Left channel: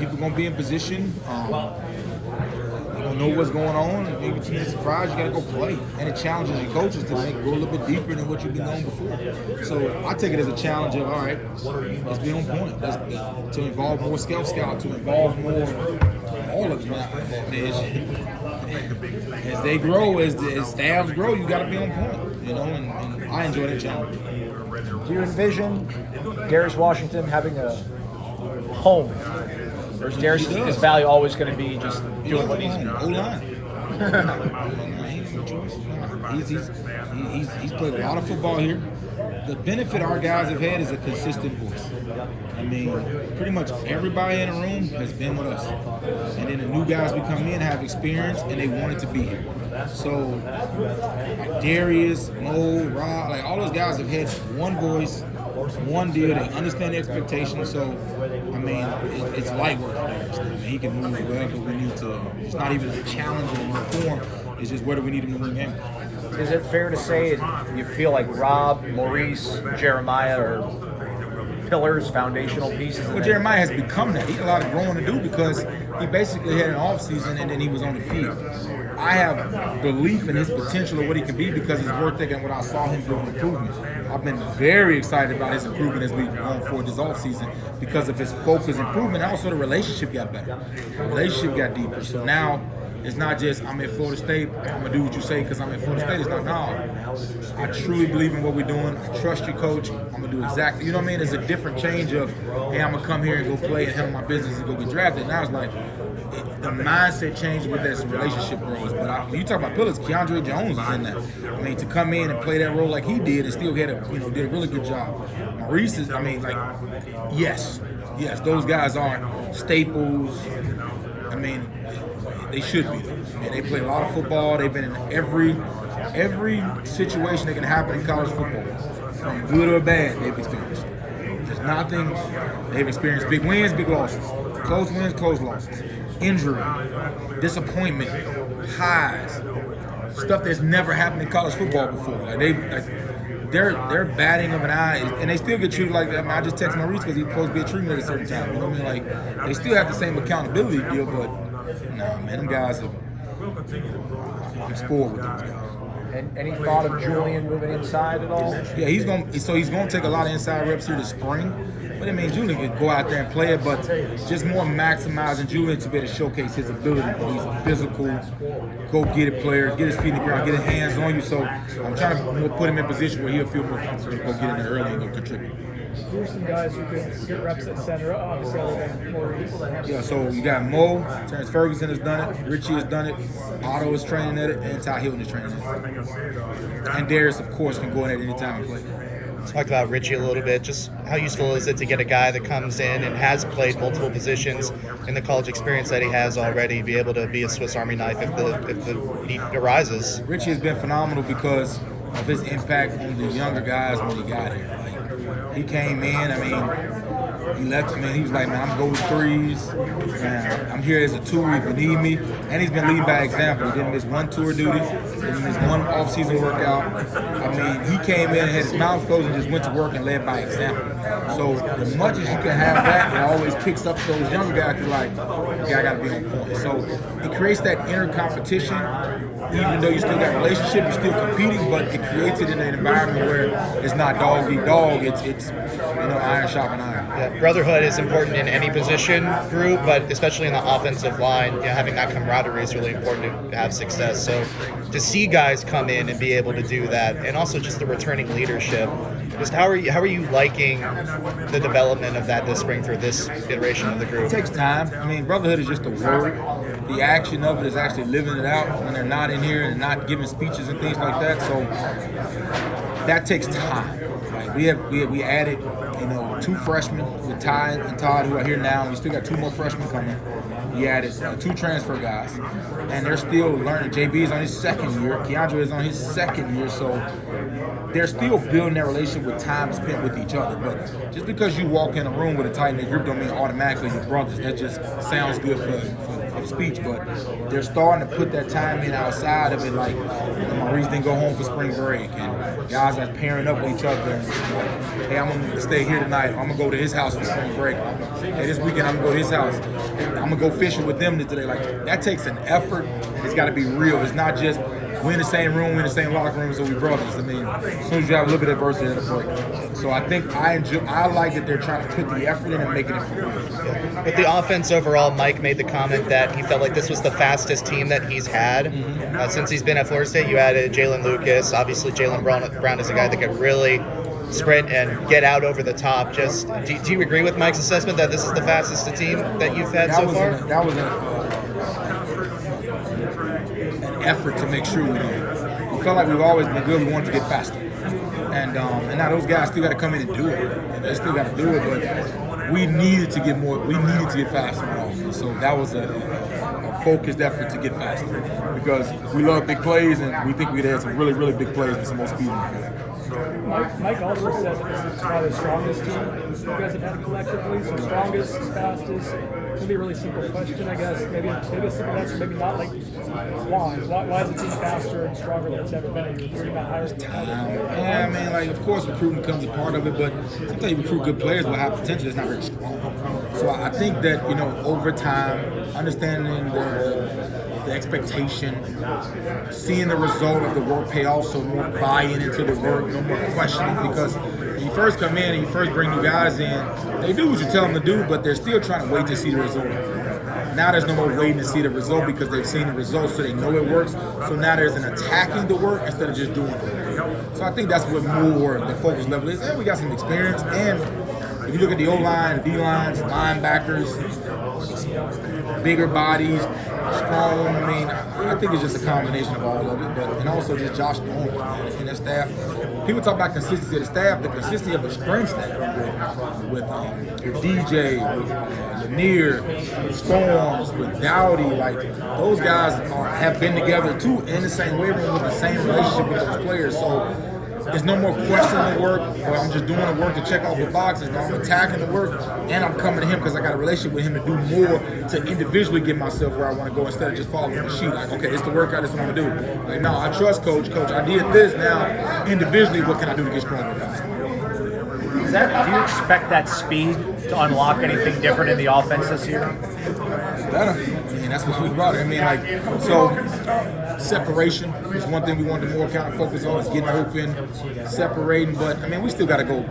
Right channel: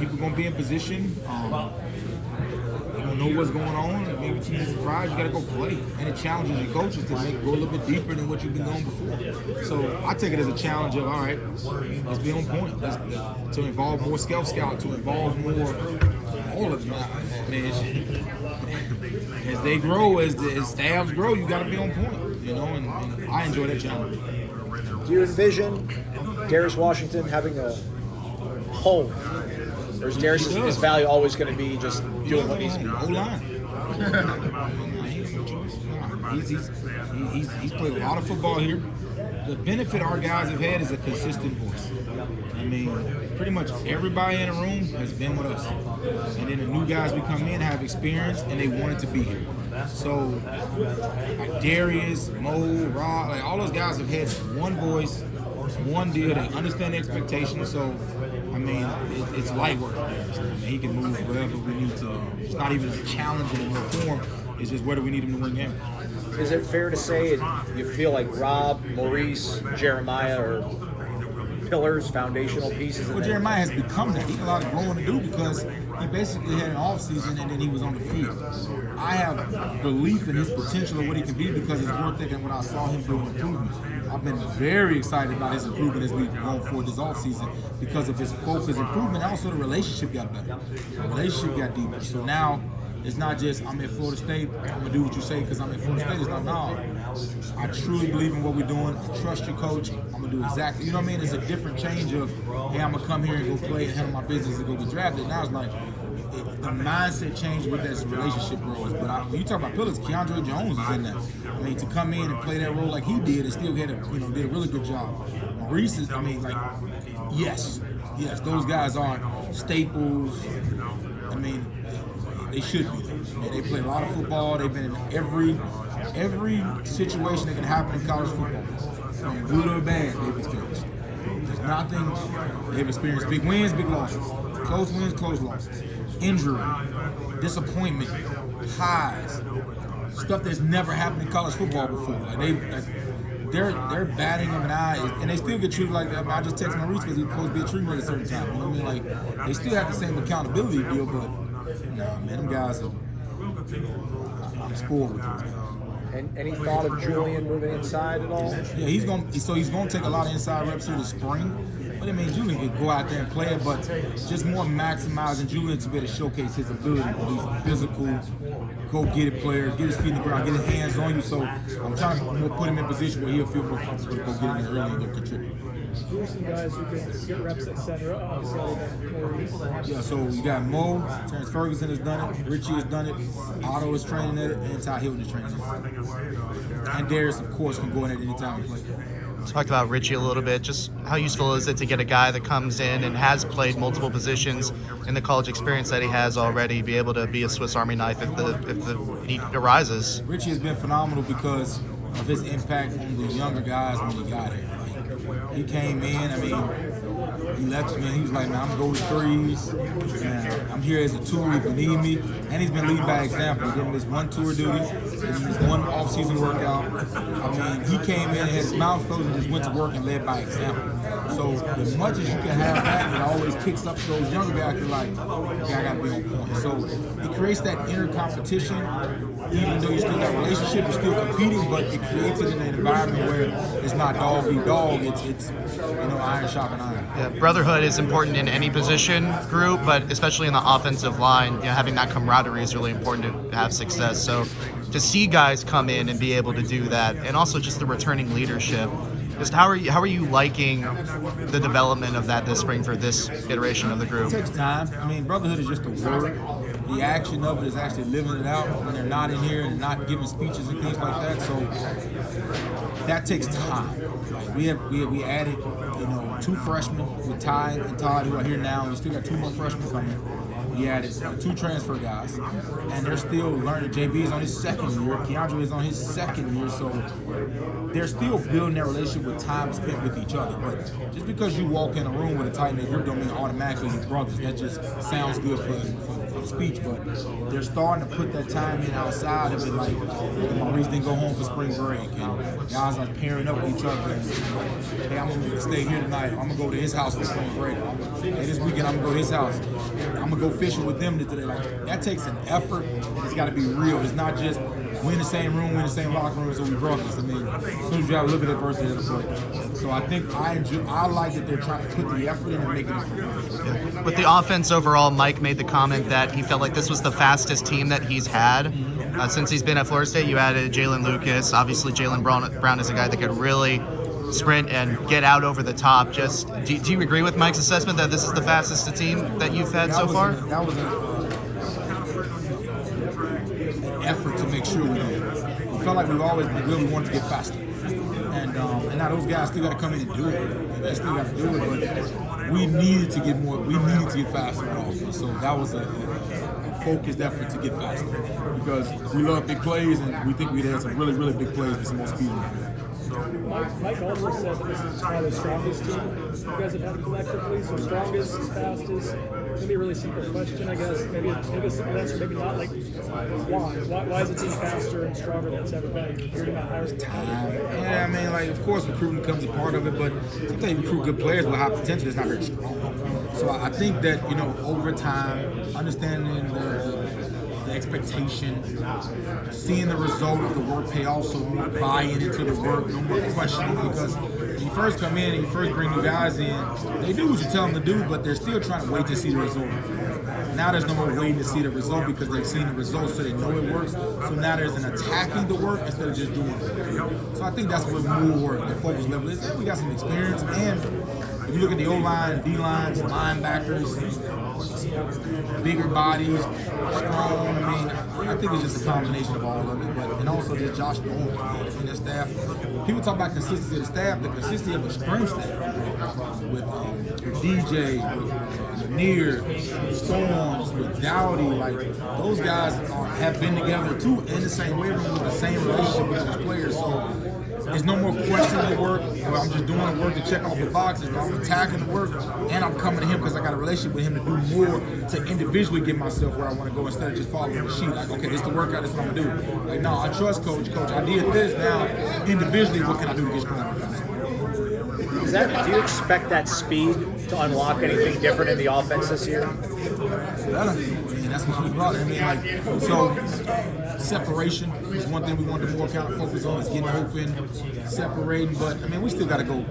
people gonna be in position. You don't know what's going on. Maybe team is surprised. You gotta go play, and it challenges your coaches to go a little bit deeper than what you've been going before. So I take it as a challenge of, all right, let's be on point. To involve more scout, to involve more all of them. I mean, as they grow, as staffs grow, you got to be on point. You know, and I enjoy that challenge. Do you envision Darius Washington having a home? Or is Darius' value always going to be just doing what he's doing? O-line. He has no choice. He's played a lot of football here. The benefit our guys have had is a consistent voice. I mean, pretty much everybody in the room has been with us. And then the new guys we come in have experience and they wanted to be here. So, like Darius, Mo, Rob, like all those guys have had one voice, one deal. They understand the expectations. So, I mean, it's light work for Darius. I mean, he can move wherever we need to. It's not even a challenge anymore for him. It's just whether we need him to win games. Is it fair to say you feel like Rob, Maurice, Jeremiah are pillars, foundational pieces? Well, Jeremiah has become that. He had a lot of growing to do because he basically had an off season and then he was on the field. I have belief in his potential of what he can be because his work ethic and what I saw him doing improvement. I've been very excited about his improvement as we've gone forward this off season because of his focus improvement. And also the relationship got better. The relationship got deeper. So now it's not just I'm at Florida State, I'm gonna do what you say because I'm at Florida State. It's not, no. I truly believe in what we're doing. I trust you, coach. I'm gonna do exactly, you know what I mean? It's a different change of, hey, I'm gonna come here and go play and handle my business and go get drafted. Now it's like the mindset changes with that relationship grows. But when you talk about pillars, Keandre Jones is in that. I mean, to come in and play that role like he did and still did a really good job. Maurice is, I mean, like, yes, those guys are staples. I mean, they should be. And they play a lot of football. They've been in every situation that can happen in college football, from good or bad, they've experienced. There's nothing. They've experienced big wins, big losses, close wins, close losses, injury, disappointment, highs, stuff that's never happened in college football before. They're batting of an eye, and they still get treated like that. I mean, I just text Maurice because he's supposed to be a treatment at a certain time. You know what I mean? Like, they still have the same accountability deal, but nah, man, them guys are. I'm spoiled with those guys. And any thought of Julian moving inside at all? Yeah, he's gonna take a lot of inside reps here this spring. But I mean, Julian could go out there and play it, but just more maximizing Julian to be able to showcase his ability. He's a physical, go get it player, get his feet in the ground, get his hands on you. So I'm trying to put him in a position where he'll feel more comfortable to go get in there early and go contribute. Some guys who can get reps at center, obviously, Maurice. Yeah, so you got Mo, Terrence Ferguson has done it, Richie has done it, Otto is training at it, and Ty Hilton is training at it. And Darius, of course, can go in at any time and play. Talked about Richie a little bit. Just how useful is it to get a guy that comes in and has played multiple positions in the college experience that he has already, be able to be a Swiss Army knife if the need arises? Richie has been phenomenal because of his impact on the younger guys when he got here. Like, he came in, I mean, he left, he was like, man, I'm going threes, man, I'm here as a tool if you need me. And he's been leading by example. He didn't miss one tour duty, didn't miss one off-season workout. I mean, he came in and had his mouth closed and just went to work and led by example. So as much as you can have that, it always picks up those younger guys who like, yeah, I got to be on point. So it creates that inner competition. Even though you still got a relationship, you're still competing, but it creates it in an environment where it's not dog eat dog. It's iron sharpening iron. Yeah, brotherhood is important in any position group, but especially in the offensive line, having that camaraderie is really important to have success. So to see guys come in and be able to do that, and also just the returning leadership, just how are you liking the development of that this spring for this iteration of the group? It takes time. I mean, brotherhood is just a word. The action of it is actually living it out when they're not in here and not giving speeches and things like that. So that takes time. Like we added, 2 freshmen with Ty and Todd who are here now. We still got 2 more freshmen coming. We added 2 transfer guys, and they're still learning. JB is on his 2nd year. Keandre is on his 2nd year. So they're still building their relationship with time spent with each other. But just because you walk in a room with a tight-knit group don't mean automatically you're brothers. That just sounds good for the speech. But they're starting to put that time in outside of it. Like, Maurice didn't go home for spring break, and guys are pairing up with each other. And like, hey, I'm going to stay here tonight. I'm going to go to his house for spring break. Hey, this weekend I'm going to go to his house. I'm gonna go fishing with them today. Like that takes an effort, and it's got to be real. It's not just we're in the same room, we're in the same locker room, so we brothers. I mean, as soon as you have a little bit of adversity, it'll break. So I think I like that they're trying to put the effort in and making it for real. Yeah. With the offense overall, Mike made the comment that he felt like this was the fastest team that he's had since he's been at Florida State. You added Jalen Lucas. Obviously, Jalen Brown is a guy that could really sprint and get out over the top. Just do you agree with Mike's assessment that this is the fastest team that you've had so far? That was an effort to make sure we did. We felt like we've always been good. We wanted to get faster, and now those guys still got to come in and do it. And they still got to do it, but we needed to get more. We needed to get faster on offense. So that was a focused effort to get faster because we love big plays, and we think we'd had some really, really big plays with some more speed on the field. Mike also said this is probably the strongest team you guys have had collectively. So strongest, fastest. It'll be a really simple question, I guess. Maybe a simple answer, maybe not like why. Why is the team faster and stronger than it's ever been? Is it about higher Time. Yeah, I mean, like of course recruiting becomes a part of it, but sometimes you recruit good players with high potential that's not very strong. So I think that over time, understanding the expectation, seeing the result of the work pay off, so more buy-in into the work, no more questioning, because when you first come in and you first bring new guys in, they do what you tell them to do, but they're still trying to wait to see the result. Now there's no more waiting to see the result because they've seen the results, so they know it works. So now there's an attacking the work instead of just doing it. So I think that's what more the focus level is. And we got some experience, and if you look at the O-line, D-lines, linebackers, bigger bodies, strong. I mean, I think it's just a combination of all of it, and also just Josh Norman and the staff. People talk about consistency of the staff, the consistency of the strength staff with DJ, with Lanier, with Storms, with Dowdy. Like those guys have been together too in the same weight room with the same relationship with those players. So there's no more questioning the work, or I'm just doing the work to check off the boxes. No, I'm attacking the work, and I'm coming to him because I got a relationship with him to do more to individually get myself where I want to go instead of just following the sheet. Like, okay, this is the workout, this is what I'm going to do. Like, no, I trust Coach. Coach, I did this. Now, individually, what can I do to get stronger? Do you expect that speed to unlock anything different in the offense this year? Better. I mean, that's what we brought. I mean, like, so separation is one thing we wanted to more kind of focus on, is getting open, separating. But I mean, we still got to go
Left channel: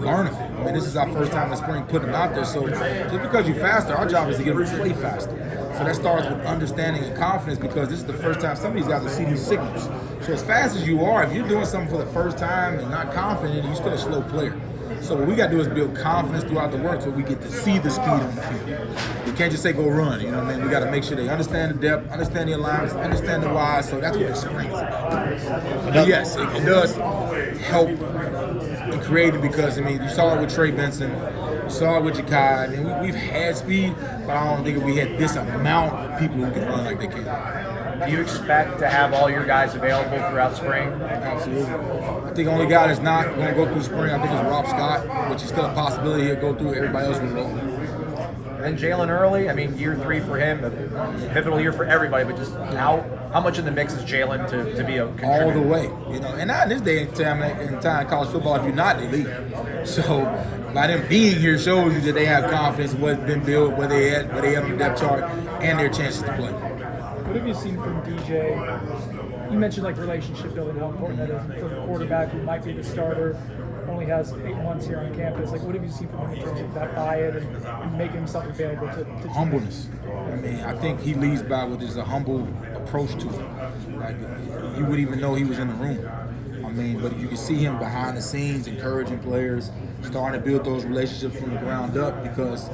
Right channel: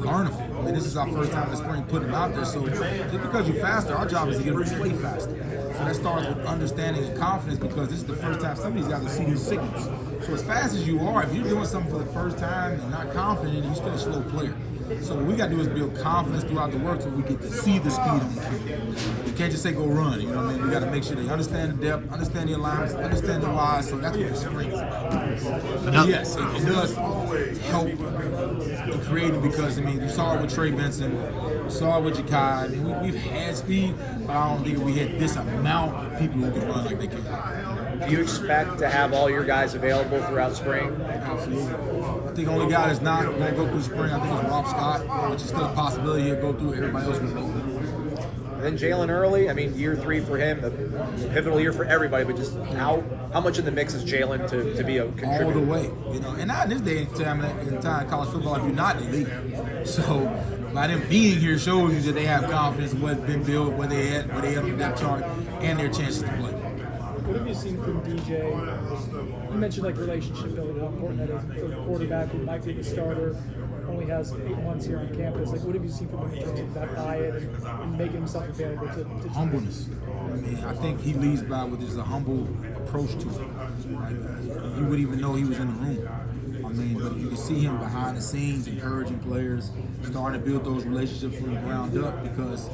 learn them. I mean, this is our first time in spring putting them out there. So just because you're faster, our job is to get them to play faster. So that starts with understanding and confidence, because this is the first time some of these guys will see these signals. So as fast as you are, if you're doing something for the first time and not confident, you're still a slow player. So what we got to do is build confidence throughout the work so we get to see the speed on the field. You can't just say go run, you know what I mean? We got to make sure they understand the depth, understand the alignments, understand the why. So that's what the spring is about. But yes, it does help in creating, because, I mean, you saw it with Trey Benson, you saw it with Jakai. I mean, we've had speed, but I don't think we had this amount of people who can run like they can. Do you expect to have all your guys available throughout spring? Absolutely. I think the only guy that's not going to go through spring, I think, is Rob Scott, which is still a possibility. He'll go through. Everybody else will roll. And Jalen Early, I mean, year 3 for him, a pivotal year for everybody, but just how much in the mix is Jalen to be a contributor? All the way, and not in this day and time, college football, if you're not, they leave. So by them being here shows you that they have confidence in what's been built, where they at on the depth chart, and their chances to play. What have you seen from DJ? You mentioned like relationship building, how important that is for the quarterback who might be the starter, only has 8 months here on campus. Like, what have you seen from him in terms of that buy-in and making himself available to humbleness. I mean, I think he leads by with his humble approach to it. Like, you wouldn't even know he was in the room. I mean, but you can see him behind the scenes encouraging players, starting to build those relationships from the ground up, because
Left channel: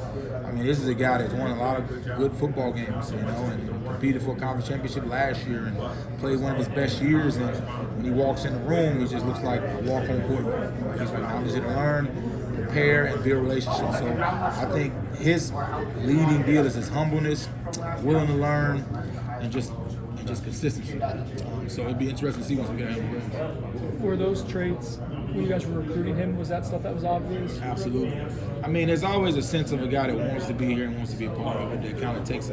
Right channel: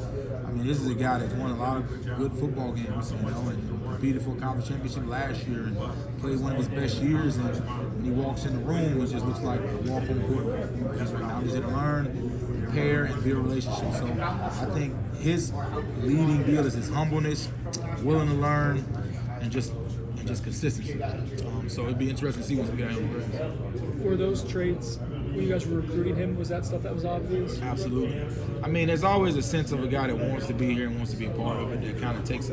I mean, this is a guy that's won a lot of good football games, and competed for a conference championship last year and played one of his best years. And when he walks in the room, he just looks like a walk-on quarterback. Like, he's like, now I'm just here to learn, prepare, and build relationships. So I think his leading deal is his humbleness, willing to learn, and just consistency. So it'd be interesting to see once we get him on the ground. For those traits, you guys were recruiting him, was that stuff that was obvious? Absolutely. I mean, there's always a sense of a guy that wants to be here and wants to be a part of it, that kind of takes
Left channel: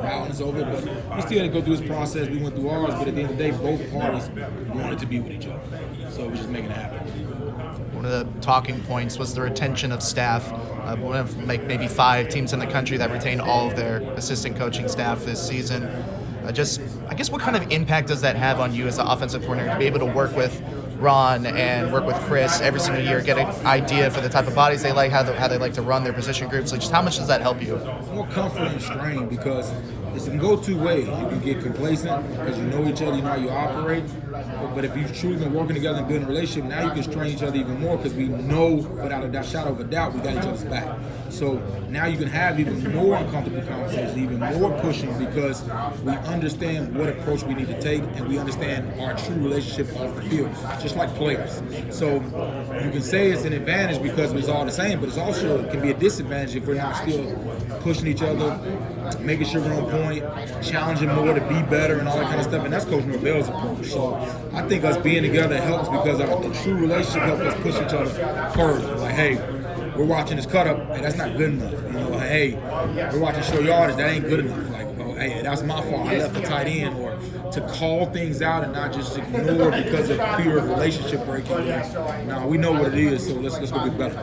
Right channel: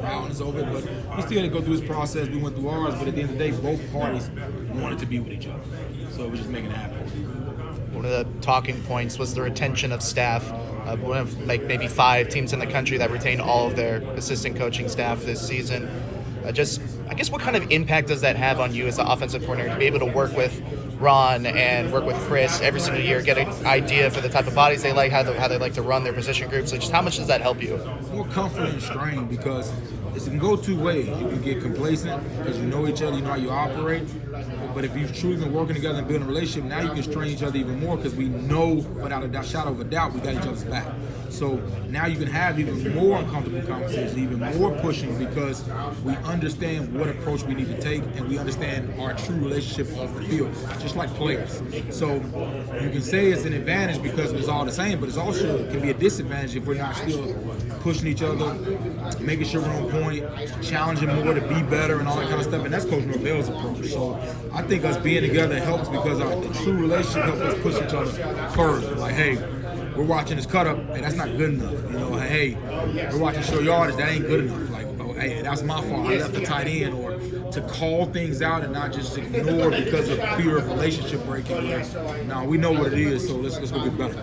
proudness over it, but he still had to go through his process. We went through ours, but at the end of the day, both parties wanted to be with each other. So we're just making it happen. one of the talking points was the retention of staff. One of like maybe 5 teams in the country that retained all of their assistant coaching staff this season. I guess what kind of impact does that have on you as the offensive coordinator to be able to work with Ron and work with Chris every single year, get an idea for the type of bodies they like, how they like to run their position groups? Like, just how much does that help you? More comfort and strain, because it can go 2 ways. You can get complacent because you know each other, you know how you operate. But if you've truly been working together and building a relationship, now you can strain each other even more because we know without a shadow of a doubt we got each other's back. So now you can have even more uncomfortable conversations, even more pushing, because we understand what approach we need to take and we understand our true relationship off the field, just like players. So you can say it's an advantage because it's all the same, but it can be a disadvantage if we're not still pushing each other, making sure we're on point, challenging more to be better and all that kind of stuff. And that's Coach Norvell's approach. So I think us being together helps because the true relationship helps us push each other further. Like, hey, we're watching this cut up, hey, that's not good enough. You know, hey, we're watching show yardage, that ain't good enough. Like, oh, hey, that's my fault, I left the tight end. Or to call things out and not just ignore because of fear of relationship breaking. No, we know what it is, so let's go get better.